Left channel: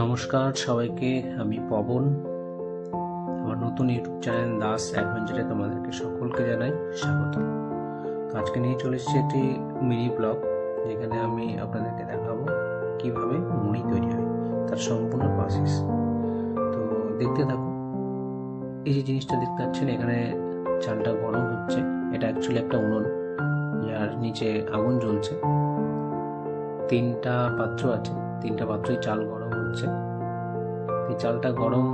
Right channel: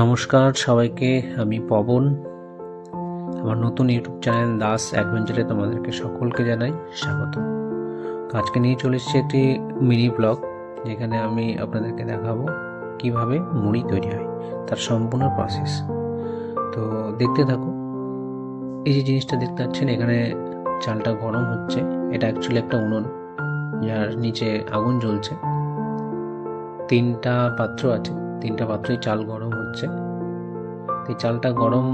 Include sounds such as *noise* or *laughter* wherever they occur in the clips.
নমস্কার সবাইকে, আমি পবন। আমার নতুন ইউটিউব চ্যানেল দাস অ্যাডভেঞ্চারে তোমাদেরকে সকলকে জানাই স্বাগত। তো আজকে নিয়ে চলে এসেছি একটি মিনি ব্লগ, যেখানে আমি আপনাদেরকে দেখাবো কীভাবে মুড়ি তৈরি হয়, তার সম্পূর্ণ প্রসেস তো দেখতে থাকো। এই যে জিনিসটা দেখতে পাচ্ছেন, এখানে চালটা গরম হচ্ছে। এটা অ্যাকচুয়ালি একটা উনুন, যার নিচে আগুন জ্বলছে। তিনটা পাত্র আছে, তিনটা পাত্রেই চাল গরম হচ্ছে। এই চালটা গরম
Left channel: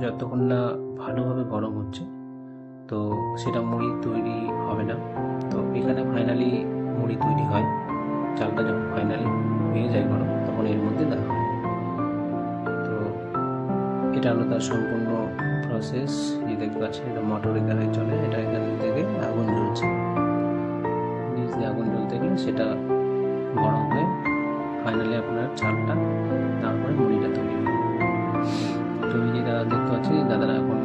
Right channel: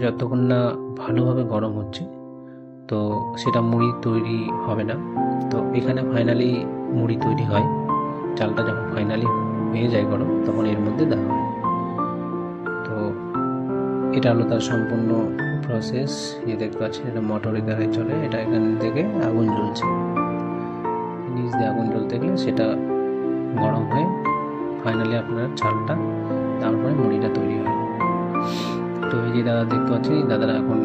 যতক্ষণ না ভালোভাবে গরম হচ্ছে, তো সেটা মুড়ি তৈরি হবে না। তো এখানে ফাইনালি মুড়ি তৈরি হয়। চালটা যখন ফাইনালি হয়ে যায় গরম, তখন এর মধ্যে দেওয়া হয়। তো এটা হলো তার সম্পূর্ণ প্রসেস যে দেখতে পাচ্ছেন, এটা মোটরের দ্বারাই চলে। এটা এখান থেকে আগুন জ্বলছে। নিচ দিয়ে আগুন জ্বলতে গেলে সেটা গরম হয়ে ফাইনালি আপনার চালটা দাদা দেখতে পাচ্ছেন, দাদারা এখন,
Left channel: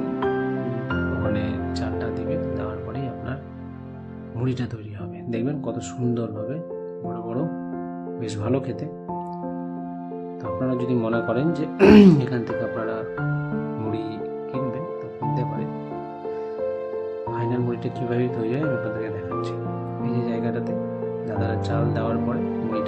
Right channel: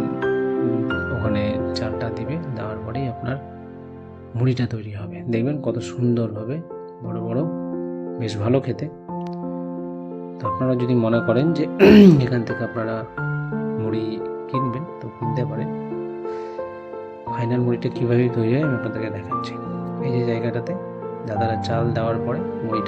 ওখানে চালটা দিবে, দেওয়ার পরেই আপনার মুড়িটা তৈরি হবে। দেখবেন কত সুন্দর হবে বড় বড়, বেশ ভালো খেতে। তো আপনারা যদি মনে করেন যে *clears throat* এখান থেকে আপনারা মুড়ি কিনবেন, তো কিনতে পারেন। ফাইনাল মুড়িটা কীভাবে তৈরি হয় আমি আপনাদেরকে দেখাচ্ছি। এই যে জায়গাটাতে দাদারা চাল দেওয়ার পরে মুড়িটা